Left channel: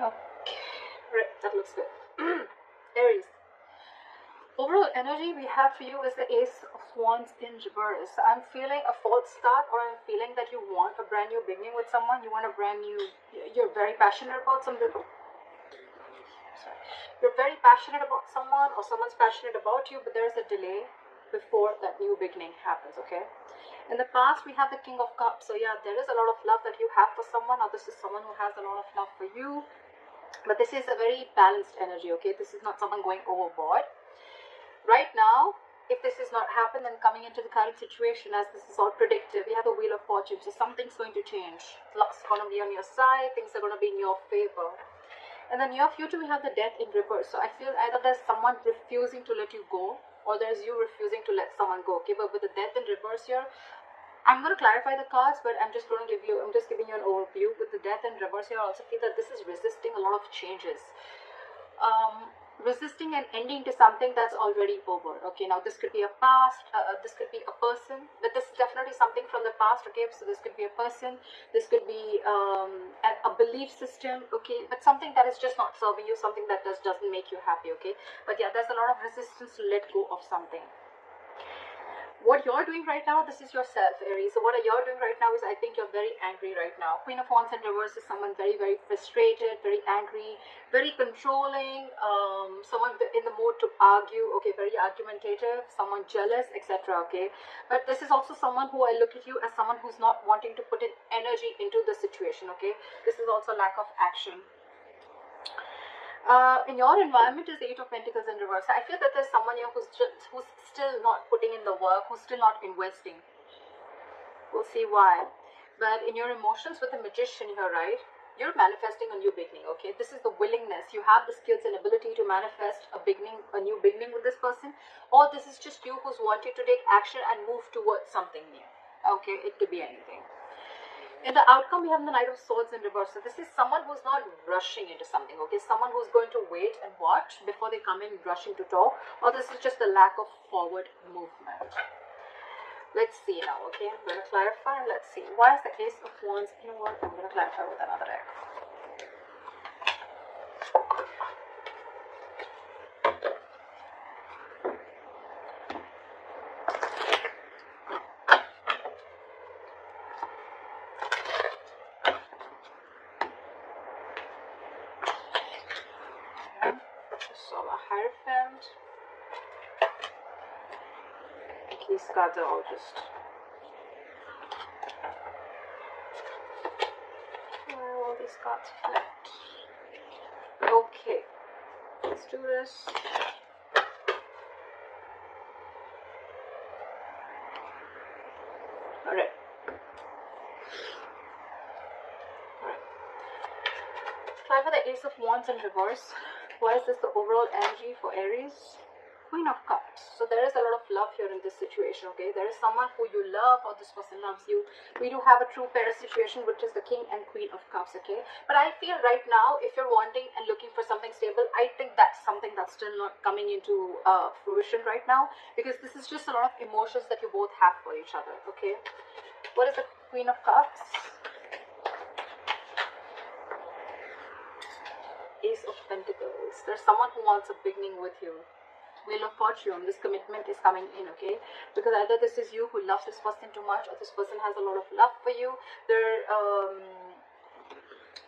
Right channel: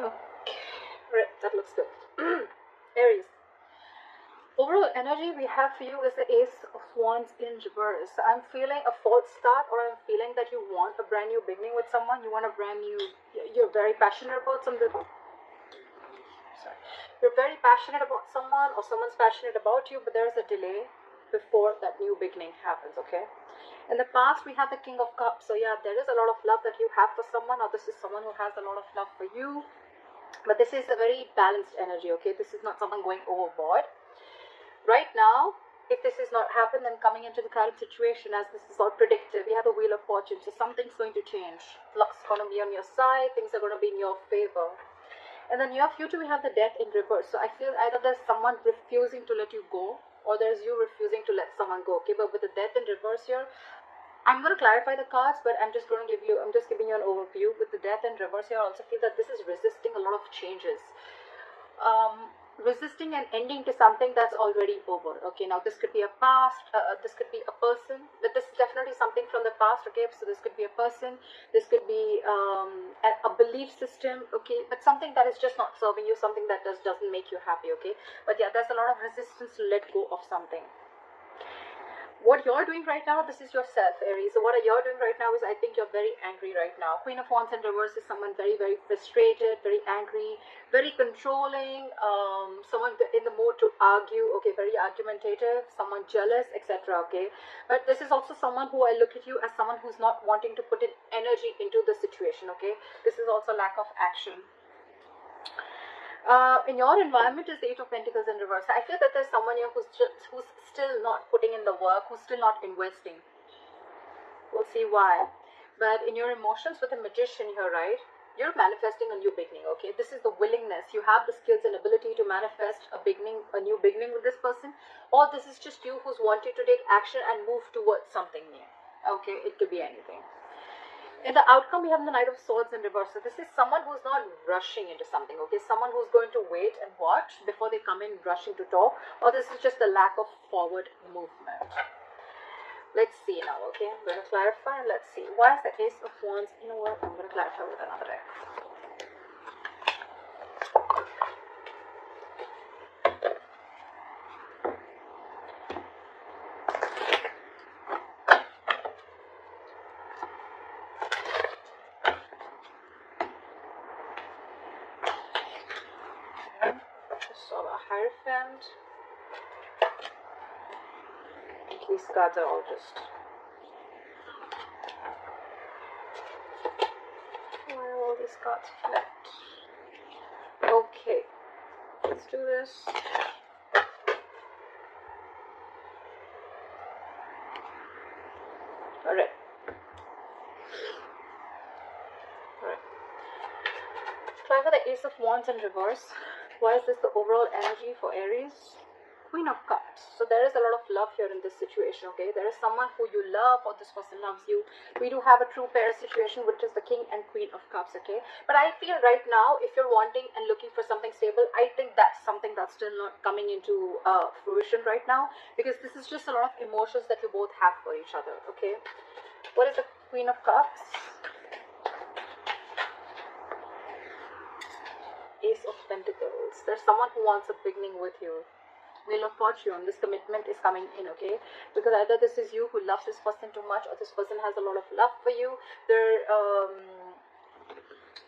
Right, that looks good. Aries. Overall energy we have for you is the Ace of Wands in reverse. I'm feeling a false start, or I'm feeling that you want a brand new beginning with someone. You want a brand new, you're very passionate about something. You're very passionate about someone, or someone's passionate about you, but there's a delay before that new beginning happens, okay? In the past, we have the King of Cups. So yeah, there is a lot of love that you have for someone, or this is someone who has a lot of love for you. But this is a very balanced energy, okay? This is not someone going overboard. Right now, if this is not happened, then coming into the current situation, as this is all predictive, we have a Wheel of Fortune, so something's going to change. Luck's going to be on your side, things are going to be in your favor. In the near future, we have the Death in reverse. So I feel either there's someone refusing to let you go, or there's you refusing to let someone go, okay? But with the Death in reverse here, I'm going to clarify the cards, but I'm just giving you an overview. With the Death in reverse here, I also feel that this is resisting a lot of changes. Resisting and ending to something that's already over. Okay, now this could be a past, this could be a person, but this is definitely something from the past. Okay, so this could be a person, this could be a belief system. Okay, but something that is just not serving you, something that doesn't make you happy. Okay, but yeah, there's a lot of resistance to let go of something. What you're doing right now, this is yourself, Aries. So what you're doing right now is, I think you're very angry right now. Queen of Wands in reverse is someone very, very frustrated, very angry, very controlling, someone in the mood to argue, okay, very argumentative, someone jealous, etc. Okay, but this is also someone who I look at you as someone who's not wanting to put in energy into the situation. Okay, this is also lack of action. In your environment is Eight of Pentacles in reverse. I feel that there's someone here who's still not putting in the work, who's still not investing. We'll see why. But in your emotions with the Magician here, right, you're manifesting a new beginning, okay? This is the willingness. You have the skills and ability to manifest a new beginning with this person, or this is just you who's wanting to take action and move towards something new. Okay, it could be anything. In the outcome, we have the Knight of Swords in reverse. So this is someone who's not rushing into something, okay? Someone who's going to wait and watch before they come in rushing to talk, or this is just the lack of forward movement. Let's see now, okay? I'm going to clarify and let's see. Why is the Ace of Wands? You know what? I'm going to clarify with another deck. Hierophant. These cards are all just... Where are all these cards flipped? Okay, let's do this. Alright. Try for the Ace of Wands in reverse. Why is this the overall energy for Aries? Queen of Cups. So there is a lot of love here in this situation, okay? There is someone who you love, or this person loves you. We do have a true pair situation, which is the King and Queen of Cups, okay? But I feel right now, if you're wanting and looking for something stable, I think that's something that's still not coming into fruition right now, because this is just a lot of emotions that you both have for each other, okay? What is the Queen of Cups? Ace of Pentacles. There's someone who wants a beginning with you. Wheel of Fortune. This commitment is coming in, okay? Because either this is you who loves this person too much, or this person has a lot of love for you. They're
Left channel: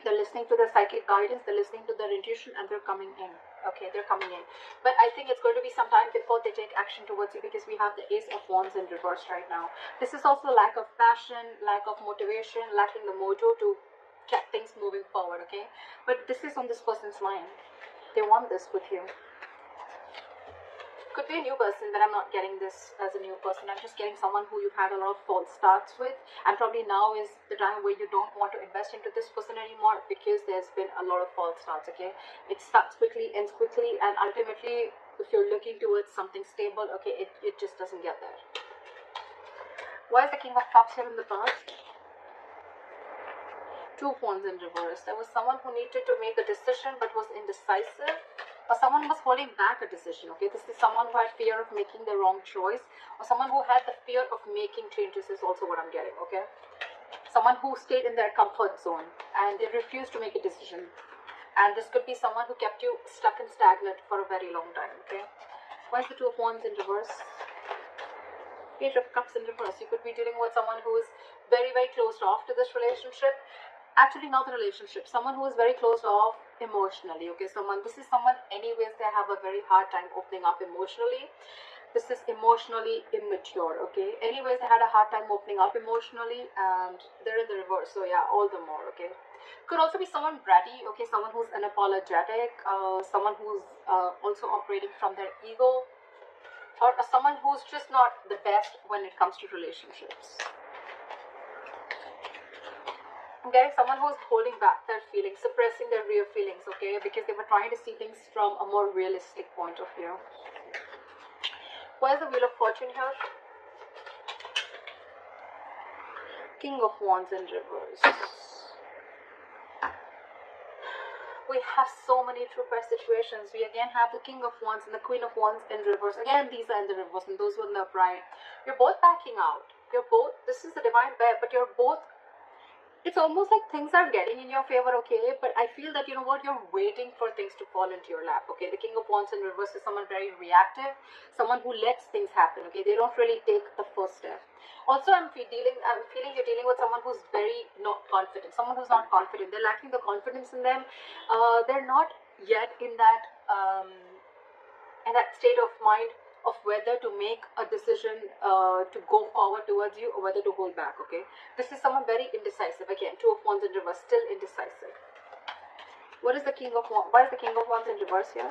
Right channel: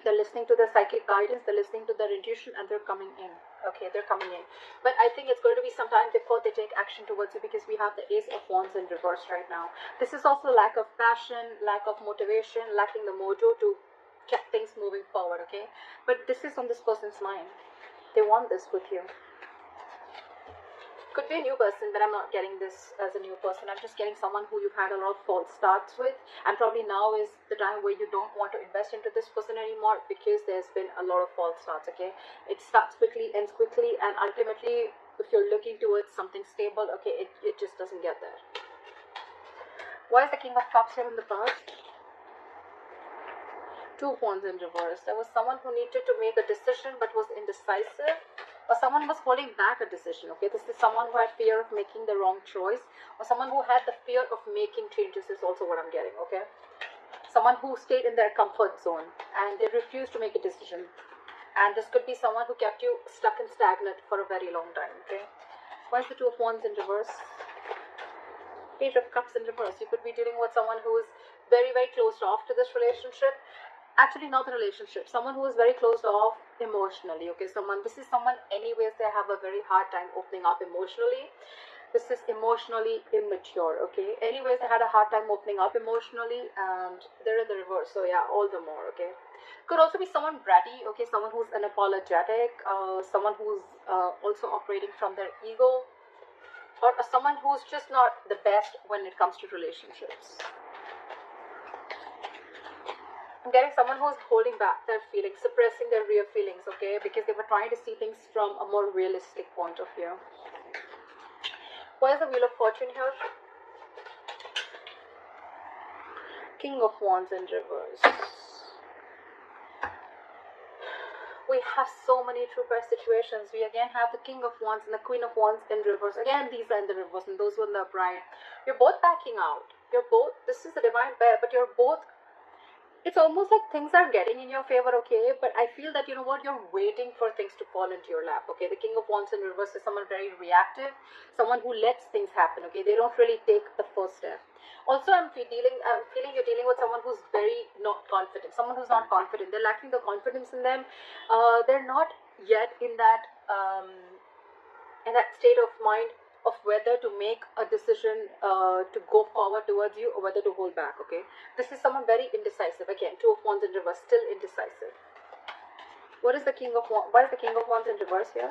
listening to their psychic guidance, they're listening to their intuition, and they're coming in. Okay, they're coming in. But I think it's going to be some time before they take action towards you, because we have the Ace of Wands in reverse right now. This is also lack of passion, lack of motivation, lacking the mojo to get things moving forward, okay? But this is on this person's mind. They want this with you. Could be a new person, but I'm not getting this as a new person. I'm just getting someone who you've had a lot of false starts with, and probably now is the time where you don't want to invest into this person anymore, because there's been a lot of false starts, okay? It starts quickly, ends quickly, and ultimately, if you're looking towards something stable, okay, it just doesn't get there. Why is the King of Cups here in the past? Two of Wands in reverse. There was someone who needed to make a decision but was indecisive, or someone was holding back a decision, okay? This is someone who had fear of making the wrong choice, or someone who had the fear of making changes is also what I'm getting, okay? Someone who stayed in their comfort zone and they refused to make a decision. And this could be someone who kept you stuck and stagnant for a very long time, okay? Why is the Two of Wands in reverse? Page of Cups in reverse. You could be dealing with someone who is very, very closed off to this relationship. Actually, not the relationship. Someone who is very closed off emotionally, okay? This is someone, anyways, they have a very hard time opening up emotionally. This is emotionally immature, okay? Anyways, they had a hard time opening up emotionally, and they're in the reverse. So yeah, all the more, okay? Could also be someone bratty, okay? Someone who's unapologetic, someone who's also operating from their ego, or someone who's just not the best when it comes to relationships. I'm getting someone who's holding back their feelings, suppressing their real feelings, okay? Because they were trying to see things from a more realistic point of view. Why is the Wheel of Fortune here? King of Wands in reverse. We have so many true pair situations. We again have the King of Wands and the Queen of Wands in reverse. Again, these are in the reverse and those were in the upright. You're both backing out. This is the divine pair, but you're both, it's almost like things are getting in your favor, okay? But I feel that, you know what, you're waiting for things to fall into your lap, okay? The King of Wands in reverse is someone very reactive, someone who lets things happen, okay? They don't really take the first step. Also, I'm feeling you're dealing with someone who's very not confident, someone who's not confident. They're lacking the confidence in them. They're not yet in that state of mind of whether to make a decision to go forward towards you or whether to hold back, okay? This is someone very indecisive. Again, Two of Wands in reverse, still indecisive. What is the King of Wands? What is the King of Wands in reverse here?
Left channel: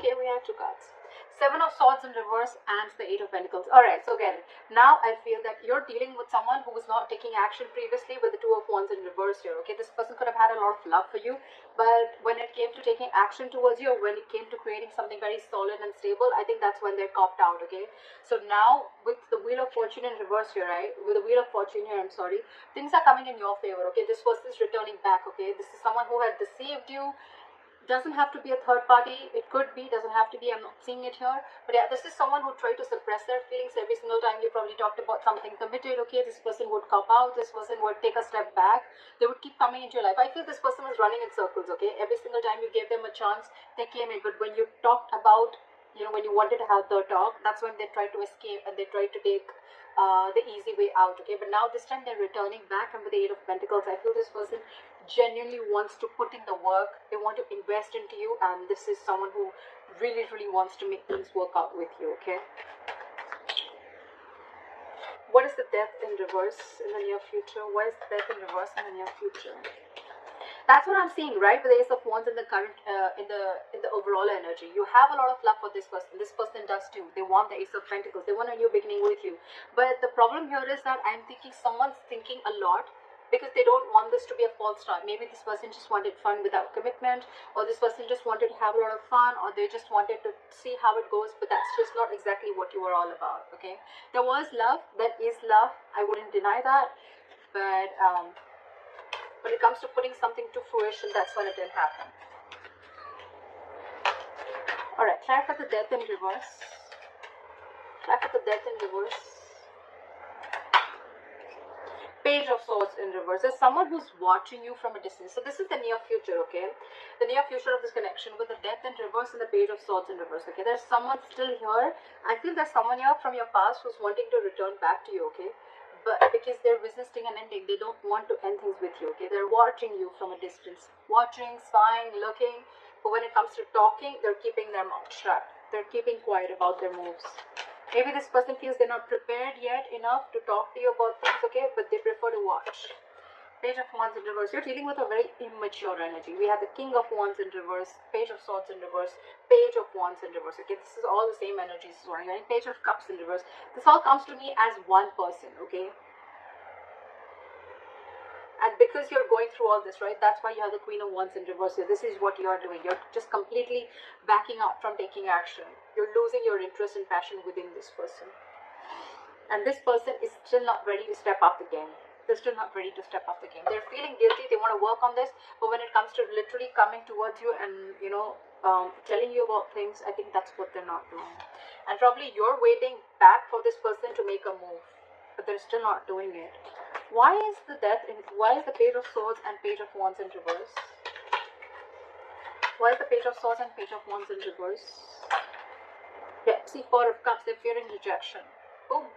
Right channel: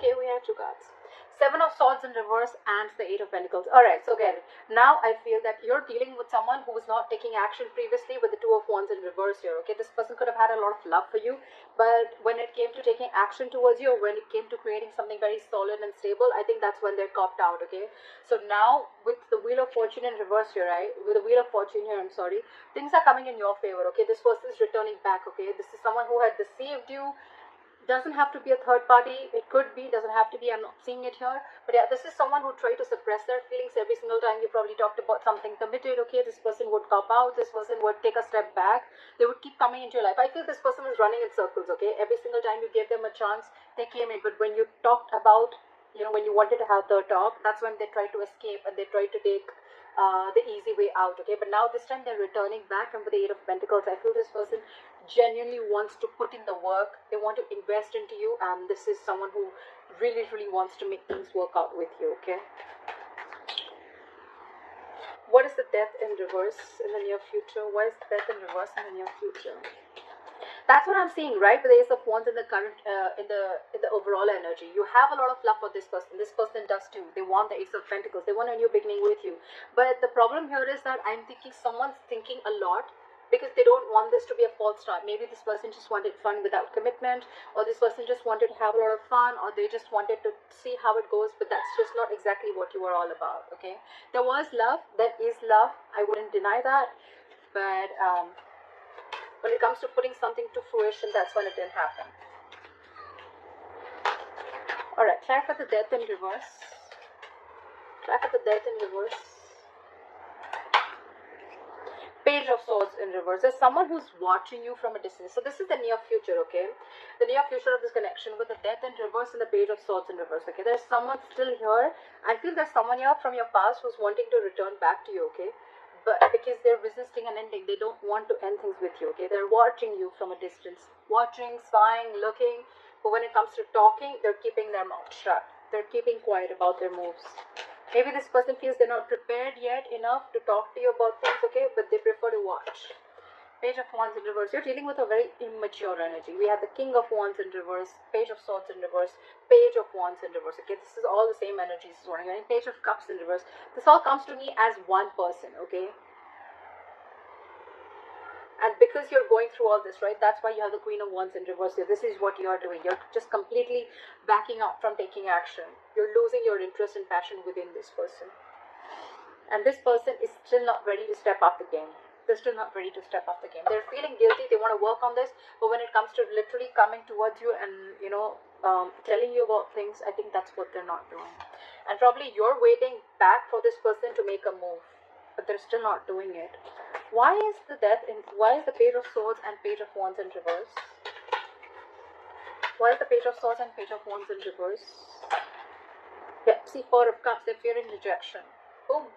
Okay, we have two cards. Seven of Swords in reverse and the Eight of Pentacles. Alright, so again, now I feel that you're dealing with someone who was not taking action previously with the Two of Wands in reverse here, okay? This person could have had a lot of love for you, but when it came to taking action towards you, or when it came to creating something very solid and stable, I think that's when they're copped out, okay? So now, with the Wheel of Fortune in reverse here, right? With the Wheel of Fortune here, I'm sorry, things are coming in your favor, okay? This person is returning back, okay? This is someone who had deceived you. Doesn't have to be a third party, it could be, doesn't have to be, I'm not seeing it here, but yeah, this is someone who tried to suppress their feelings. Every single time you probably talked about something committed, okay, this person would cop out, this person would take a step back, they would keep coming into your life. I feel this person was running in circles, okay? Every single time you gave them a chance, they came in, but when you talked about, you know, when you wanted to have the talk, that's when they tried to escape and they tried to take the easy way out, okay? But now this time they're returning back from the Eight of Pentacles. I feel this person genuinely wants to put in the work, they want to invest into you, and this is someone who really, really wants to make things work out with you, okay? What is the Death in reverse in the near future? Why is the Death in reverse in the near future? That's what I'm seeing, right? With the Ace of Wands in the current, in the overall energy. You have a lot of love for this person. This person does too. They want the Ace of Pentacles. They want a new beginning with you. But the problem here is that I'm thinking someone's thinking a lot because they don't want this to be a false start. Maybe this person just wanted fun without commitment, or this person just wanted to have a lot of fun, or they just wanted to see how it goes, but that's just not exactly what you are all about, okay? There was love. There is love. I wouldn't deny that. But when it comes to putting something to fruition, that's when it didn't happen. Alright, clarify the Death in reverse. Clarify the Death in reverse. Page of Swords in reverse. There's someone who's watching you from a distance. So this is the near future, okay? The near future of this connection with the Death in reverse and the Page of Swords in reverse, okay? There's someone still here. I feel there's someone here from your past who's wanting to return back to you, okay? But because they're resisting an ending, they don't want to end things with you, okay? They're watching you from a distance. Watching, spying, looking. But when it comes to talking, they're keeping their mouth shut. They're keeping quiet about their moves. Maybe this person feels they're not prepared yet enough to talk to you about things, okay? But they prefer to watch. Page of Wands in reverse. You're dealing with a very immature energy. We have the King of Wands in reverse, Page of Swords in reverse, Page of Wands in reverse, okay? This is all the same energies. Right? Page of Cups in reverse. This all comes to me as one person, okay? And because you're going through all this, right, that's why you have the Queen of Wands in reverse. This is what you're doing. You're just completely backing up from taking action. You're losing your interest and passion within this person. And this person is still not ready to step up the game. They're still not ready to step up the game. They're feeling guilty. They want to work on this. But when it comes to literally coming towards you and, you know, telling you about things, I think that's what they're not doing. And probably you're waiting back for this person to make a move. But they're still not doing it. Why is the death in, why is the Page of Swords and Page of Wands in reverse? Why is the Page of Swords and Page of Wands in reverse? Yeah, see, Four of Cups, they're fearing rejection. Boom.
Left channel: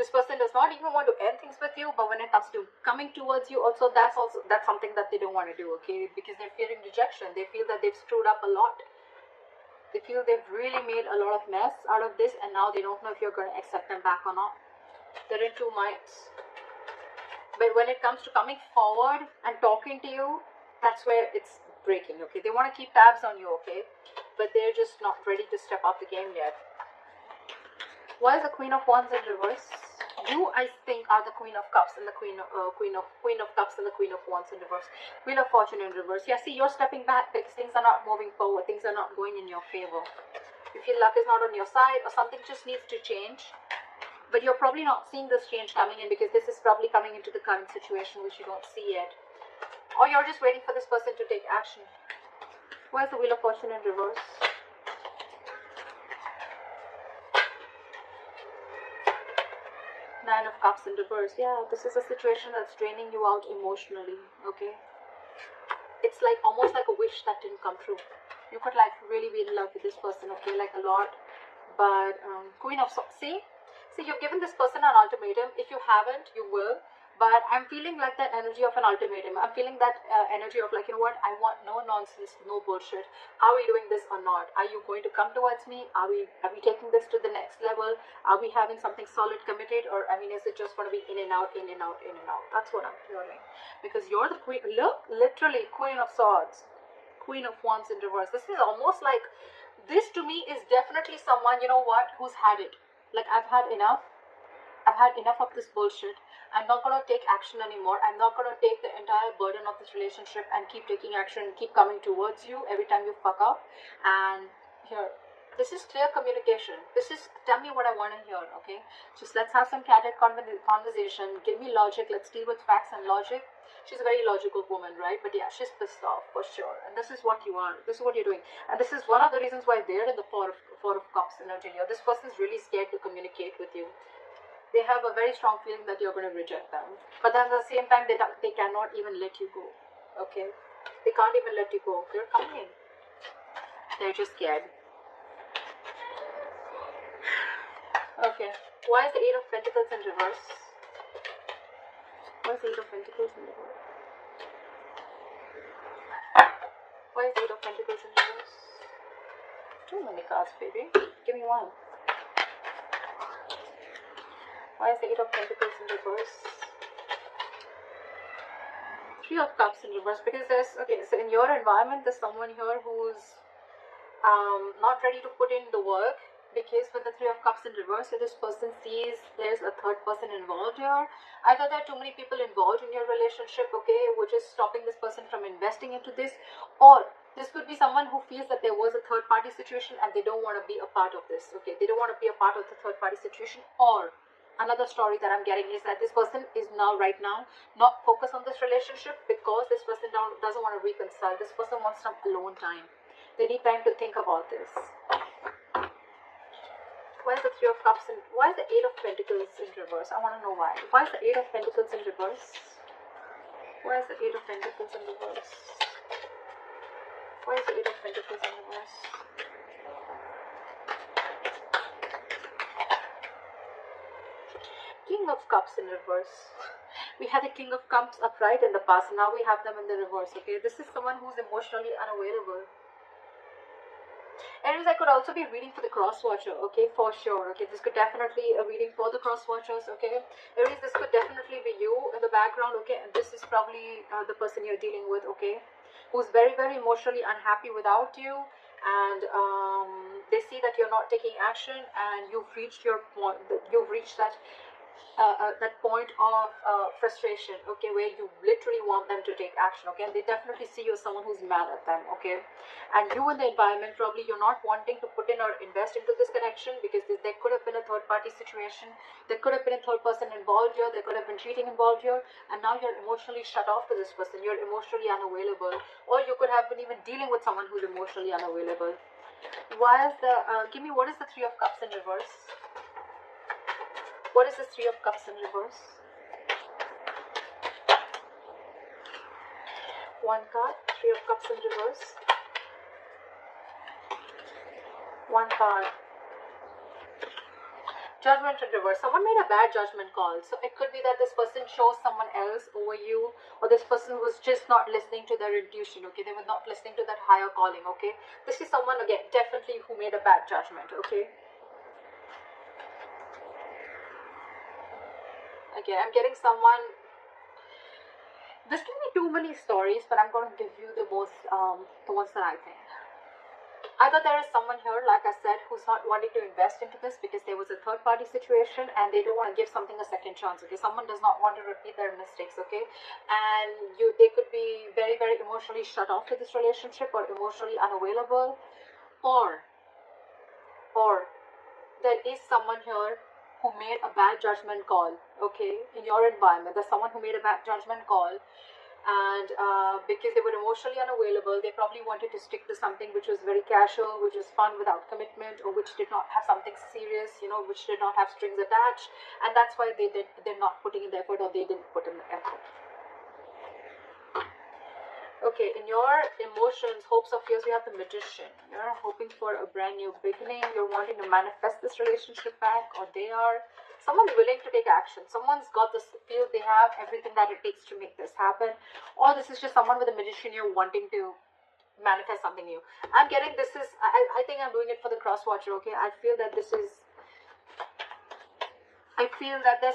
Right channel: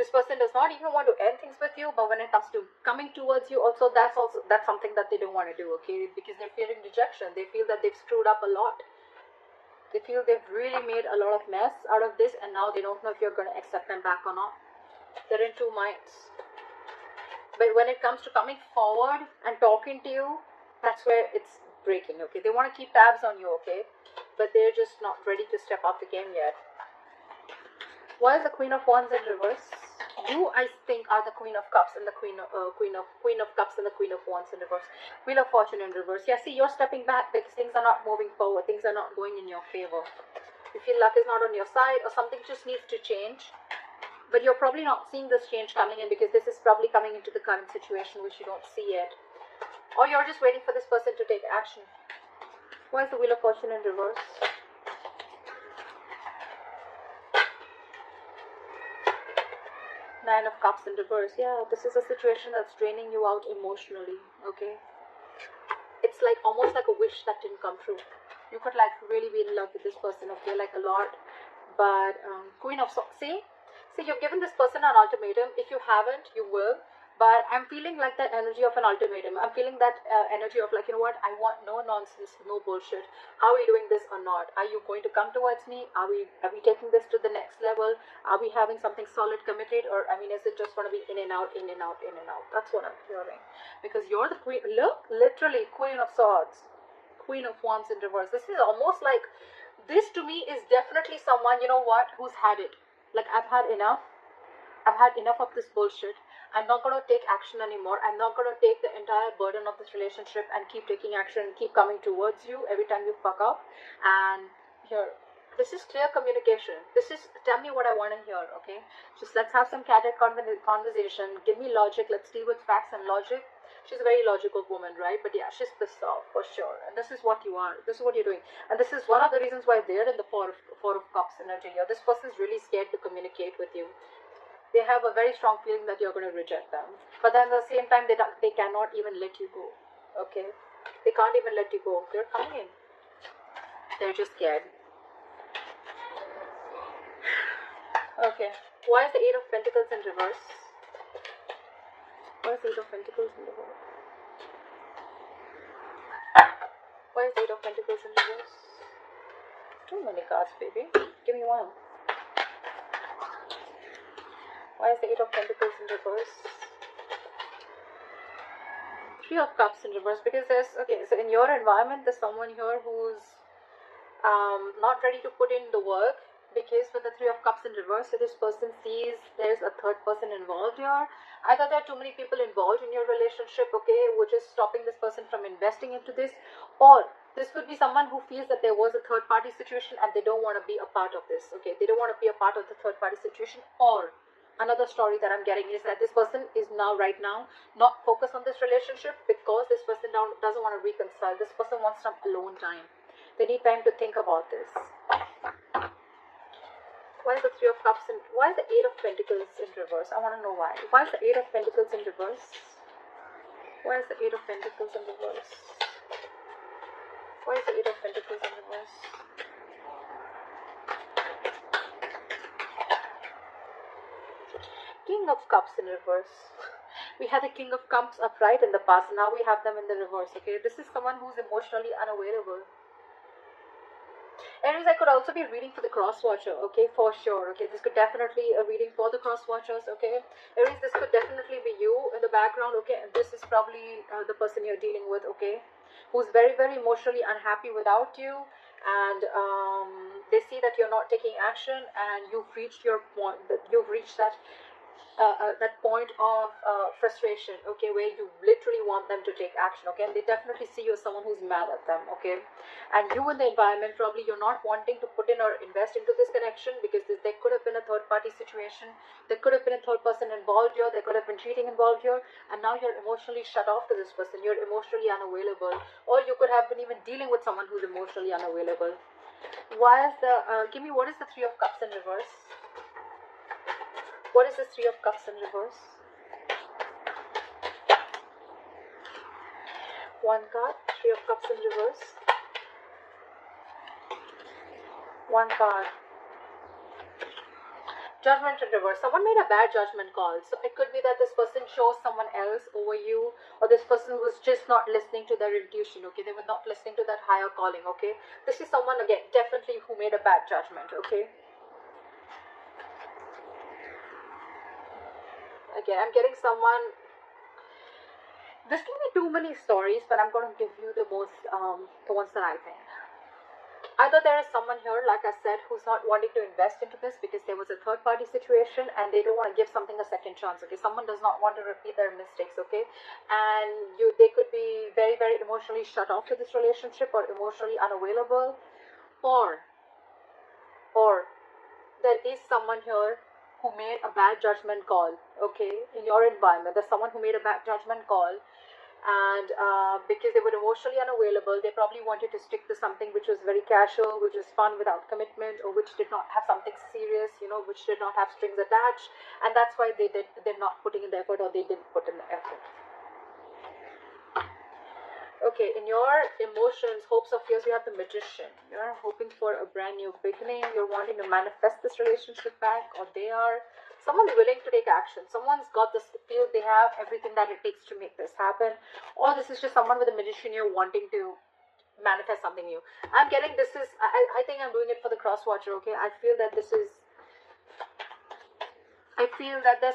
This person does not even want to end things with you, but when it comes to coming towards you, also that's something that they don't want to do, okay? Because they're fearing rejection. They feel that they've screwed up a lot. They feel they've really made a lot of mess out of this, and now they don't know if you're going to accept them back or not. They're in two minds. But when it comes to coming forward and talking to you, that's where it's breaking, okay? They want to keep tabs on you, okay? But they're just not ready to step off the game yet. Why is the Queen of Wands in reverse? You, I think, are the Queen of Cups and the Queen of Cups and the Queen of Wands in reverse. Wheel of Fortune in reverse. Yeah, see, you're stepping back because things are not moving forward. Things are not going in your favor. You feel luck is not on your side, or something just needs to change. But you're probably not seeing this change coming in because this is probably coming into the current situation which you don't see yet. Or you're just waiting for this person to take action. Why is the Wheel of Fortune in reverse? Nine of Cups in reverse. Yeah, this is a situation that's draining you out emotionally, okay? It's like almost like a wish that didn't come true. You could like really be in love with this person, okay, like a lot. But Queen of Swords, see, you've given this person an ultimatum. If you haven't, you will. But I'm feeling like that energy of an ultimatum. I'm feeling that energy of like, you know what, I want no nonsense, no bullshit. Are we doing this or not? Are you going to come towards me? Are we taking this to the next level? Are we having something solid committed? Or, I mean, is it just going to be in and out, in and out, in and out? That's what I'm feeling. Because you're the queen, look, literally Queen of Swords, Queen of Wands in reverse. This is almost like, this to me is definitely someone, you know what, who's had it. Like, I've had enough. I've had enough of this bullshit. I'm not going to take action anymore. I'm not going to take the entire burden of this relationship and keep taking action and keep coming towards you every time you fuck up. And here, this is clear communication. This is, tell me what I want to hear, okay? Just let's have some candid conversation. Give me logic. Let's deal with facts and logic. She's a very logical woman, right? But yeah, she's pissed off for sure. And this is what you are. This is what you're doing. And this is one of the reasons why they're in the Four of Cups energy here. This person is really scared to communicate with you. They have a very strong feeling that you're going to reject them. But then at the same time, they cannot even let you go. Okay? They can't even let you go. They're fighting. They're just scared. Okay. Why is the Eight of Pentacles in reverse? Why is the Eight of Pentacles in reverse? Why is the Eight of Pentacles in reverse? Too many cards, baby. Give me one. Why is the Eight of Pentacles in reverse? Three of Cups in reverse. Because there's, okay, so in your environment, there's someone here who's not ready to put in the work. Because with the Three of Cups in reverse, so this person sees there's a third person involved here. Either there are too many people involved in your relationship, okay, which is stopping this person from investing into this. Or this could be someone who feels that there was a third party situation and they don't want to be a part of this, okay. They don't want to be a part of the third party situation. Or another story that I'm getting is that this person is now, right now, not focused on this relationship because this person doesn't want to reconcile. This person wants some alone time. They need time to think about this. Why is the Three of Cups in, why is the Eight of Pentacles in reverse? I want to know why. Why is the Eight of Pentacles in reverse? Why is the Eight of Pentacles in reverse? Why is the Eight of Pentacles in reverse? King of Cups in reverse. We had the King of Cups upright in the past. Now we have them in the reverse, okay? This is someone who's emotionally unavailable. Aries, I could also be reading for the cross watcher, okay, for sure, okay, this could definitely a reading for the cross watchers, okay. Aries, this could definitely be you in the background, okay, and this is probably the person you're dealing with, okay, who's very, very emotionally unhappy without you, and they see that you're not taking action, and you've reached your point, you've reached that point of frustration, okay, where you literally want them to take action, okay, and they definitely see you as someone who's mad at them, okay, and you in the environment, probably you're not wanting to put in or invest into this connection because there could have been a third party situation, there could have been a third person involved here, there could have been cheating involved here, and now you're emotionally shut off to this person, you're emotionally unavailable, or you could have been even dealing with someone who's emotionally unavailable. Why is the, give me, what is the Three of Cups in reverse? What is the Three of Cups in reverse? One card, Three of Cups in reverse. One card. Judgment in reverse. Someone made a bad judgment call. So it could be that this person chose someone else over you, or this person was just not listening to their intuition, okay? They were not listening to that higher calling, okay? This is someone, again, definitely who made a bad judgment, okay? Again, I'm getting someone... This can be too many stories, but I'm going to give you the most, the ones that I think. Either there is someone here, like I said, who's not wanting to invest into this because there was a third-party situation and they don't want to give something a second chance, okay? Someone does not want to repeat their mistakes, okay? And they could be very, very emotionally shut off to this relationship or emotionally unavailable. Or there is someone here who made a bad judgment call, okay? In your environment, there's someone who made a bad judgment call. And because they were emotionally unavailable, they probably wanted to stick to something which was very casual, which was fun without commitment, or which did not have something serious, you know, which did not have strings attached, and that's why they're not putting in the effort, or they didn't put in the effort. Okay, in your emotions, hopes or fears, you have the Magician. You're hoping for a brand new beginning. You're wanting to manifest this relationship back, or they are. Someone's willing to take action. Someone's got this feel they have everything that it takes to make this happen. Or this is just someone with a Magician you're wanting to manifest something new. I'm getting this is, I think I'm doing it for the cross watcher, okay? I feel that there's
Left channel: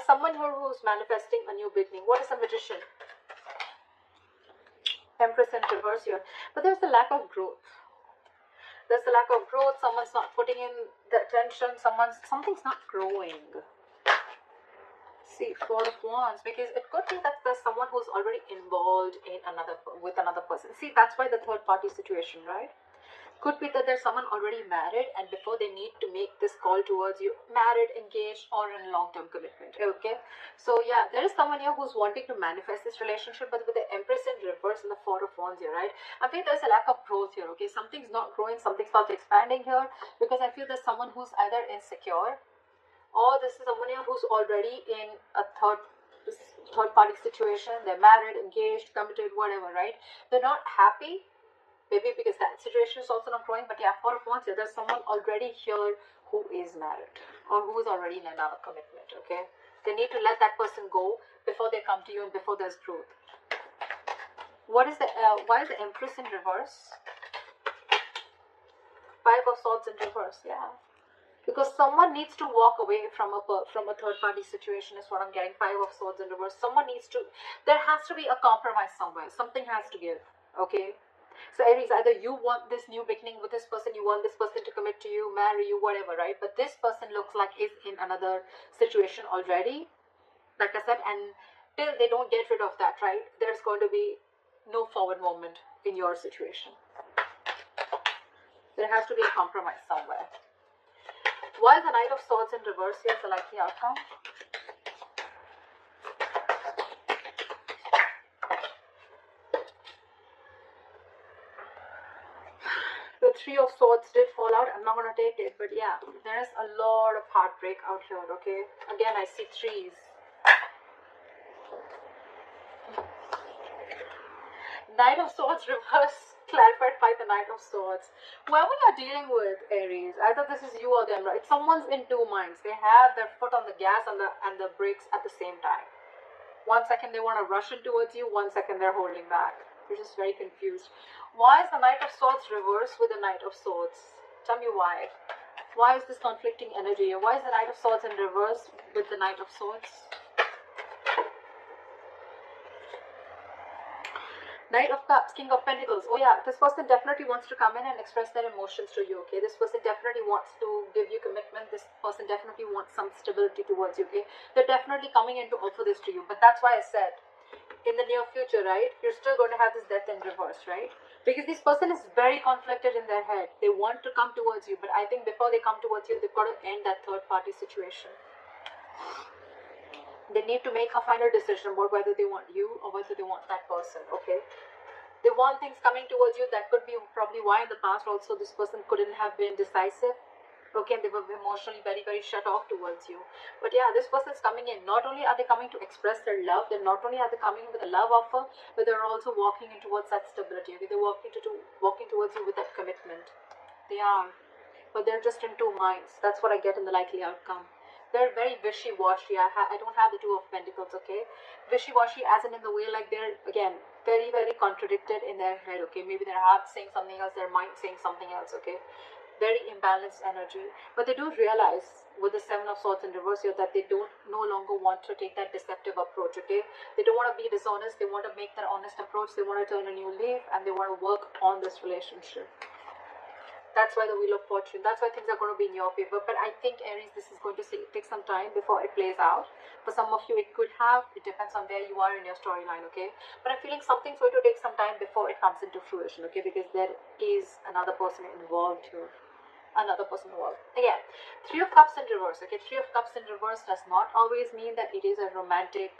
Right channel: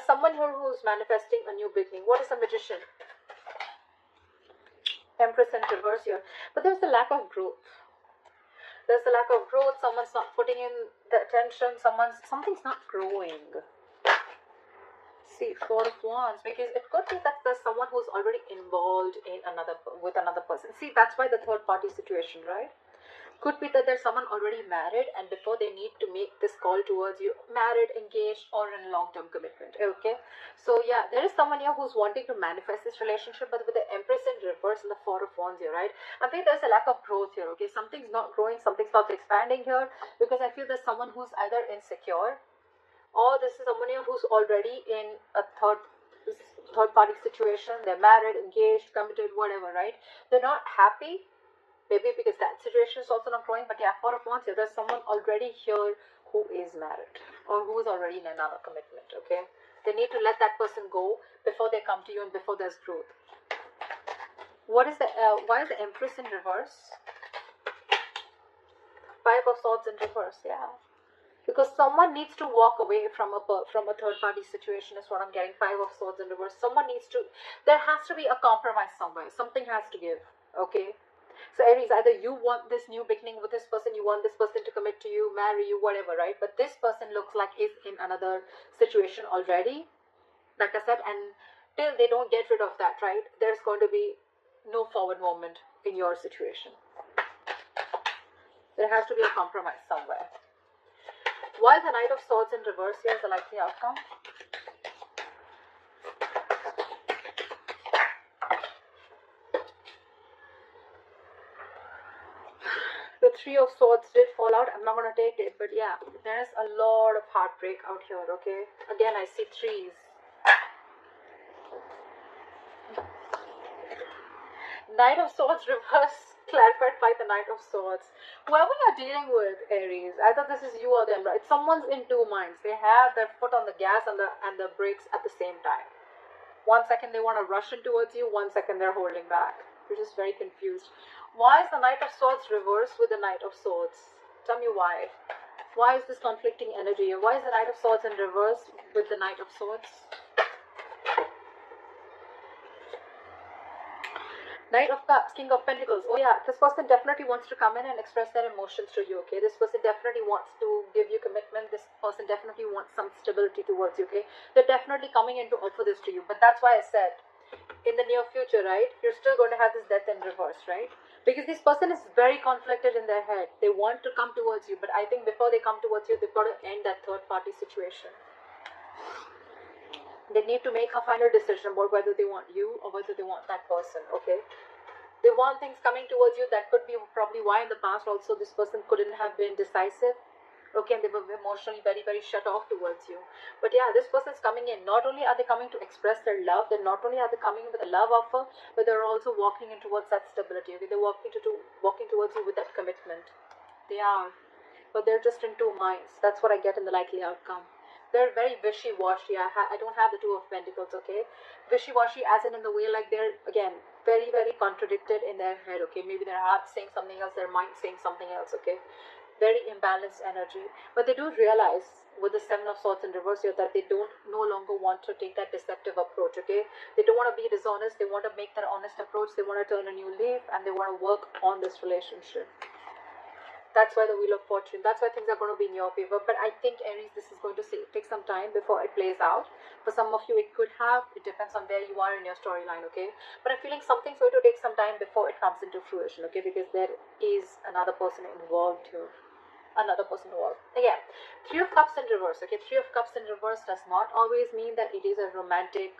someone here who's manifesting a new beginning. What is a Magician? Empress in reverse here. But there's a lack of growth. There's a lack of growth. Someone's not putting in the attention. Something's not growing. See, Four of Wands, because it could be that there's someone who's already involved in with another person. See, that's why the third party situation, right? Could be that there's someone already married, and before they need to make this call towards you, married, engaged, or in long-term commitment, okay? So yeah, there is someone here who's wanting to manifest this relationship, but with the Empress in reverse and the Four of Wands here, right? I think there's a lack of growth here, okay? Something's not growing, something's not expanding here, because I feel there's someone who's either insecure, or this is someone here who's already in a third party situation. They're married, engaged, committed, whatever, right? They're not happy, maybe because that situation is also not growing. But yeah, Four of Wands, yeah, there's someone already here who is married or who is already in another commitment, okay? They need to let that person go before they come to you and before there's growth. What is the why is the Empress in reverse? Five of Swords in reverse, yeah. Because someone needs to walk away from a third-party situation is what I'm getting. Five of Swords in reverse. There has to be a compromise somewhere. Something has to give, okay? So Aries, either you want this new beginning with this person, you want this person to commit to you, marry you, whatever, right? But this person looks like he's in another situation already, like I said, and till they don't get rid of that, right, there's going to be no forward movement in your situation. There has to be a compromise somewhere. Why is the Knight of Swords in reverse here the likely outcome? The Three of Swords did fall out. I'm not going to take it, but yeah, there is a lot of heartbreak out here, okay? Again, I see threes. Knight of Swords reverse, clarified by the Knight of Swords. Whoever you're dealing with, Aries, either this is you or them, right? Someone's in two minds. They have their foot on the gas and the brakes at the same time. 1 second they want to rush in towards you, 1 second they're holding back. They're just very confused. Why is the Knight of Swords reversed with the Knight of Swords? Tell me why. Why is this conflicting energy? Why is the Knight of Swords in reverse with the Knight of Swords? Knight of Cups, King of Pentacles. Oh yeah, this person definitely wants to come in and express their emotions to you, okay? This person definitely wants to give you commitment. This person definitely wants some stability towards you, okay? They're definitely coming in to offer this to you. But that's why I said, in the near future, right, you're still going to have this Death in reverse, right? Because this person is very conflicted in their head. They want to come towards you, but I think before they come towards you, they've got to end that third party situation. They need to make a final decision about whether they want you or whether they want that person, okay? They want things coming towards you. That could be probably why in the past also this person couldn't have been decisive. Okay, and they were emotionally very, very shut off towards you. But yeah, this person's coming in. Not only are they coming to express their love, then not only are they coming with a love offer, but they're also walking in towards that stability. Okay, they're walking towards you with that commitment. They are, but they're just in two minds. That's what I get in the likely outcome. They're very wishy-washy. I don't have the Two of Pentacles, okay? Wishy-washy as in the way, like, they're, again, very, very contradicted in their head, okay? Maybe their heart saying something else, their mind saying something else, okay? Very imbalanced energy. But they do realize with the Seven of Swords in reverse here that they don't no longer want to take that deceptive approach, okay? They don't want to be dishonest. They want to make that honest approach. They want to turn a new leaf, and they want to work on this relationship. That's why the Wheel of Fortune, that's why things are going to be in your favor. But I think, Aries, this is going to take some time before it plays out. For some of you, it could have. It depends on where you are in your storyline, okay? But I'm feeling something's going to take some time before it comes into fruition, okay? Because there is another person involved here. Another person involved. Again, Three of Cups in reverse, okay? Three of Cups in reverse does not always mean that it is a romantic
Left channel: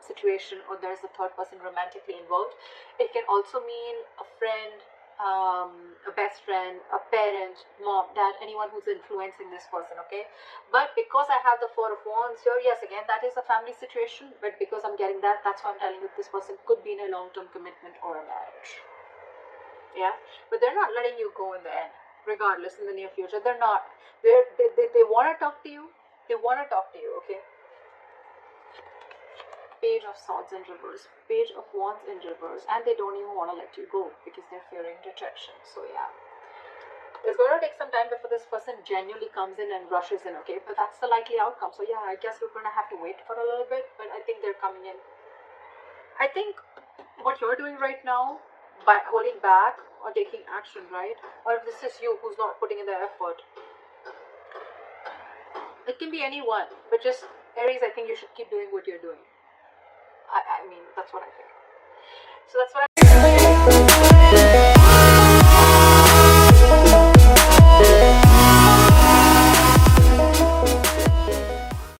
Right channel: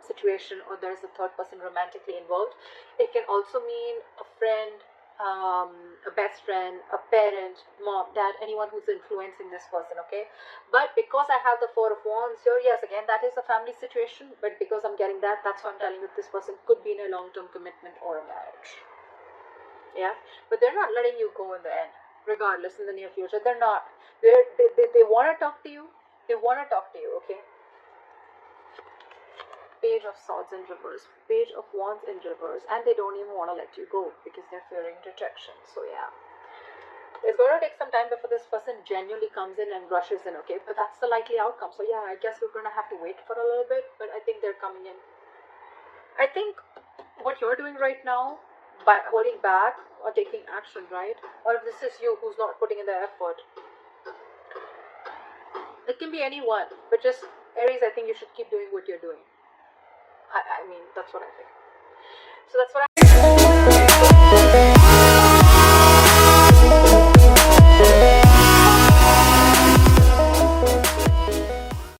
situation or there's a third person romantically involved. It can also mean a friend, a best friend, a parent, mom, dad, anyone who's influencing this person, okay? But because I have the Four of Wands here, yes, again, that is a family situation, but because I'm getting that, that's why I'm telling you this person could be in a long-term commitment or a marriage. Yeah, but they're not letting you go in the end, regardless, in the near future. They're not. They want to talk to you. They want to talk to you, okay? Page of Swords in reverse, Page of Wands in reverse, and they don't even want to let you go because they're fearing rejection. So yeah, it's going to take some time before this person genuinely comes in and rushes in, okay? But that's the likely outcome. So yeah, I guess we're going to have to wait for a little bit, but I think they're coming in. I think what you're doing right now, by holding back or taking action, right? Or if this is you who's not putting in the effort, it can be anyone, but just, Aries, I think you should keep doing what you're doing. I mean, that's what I think. So that's what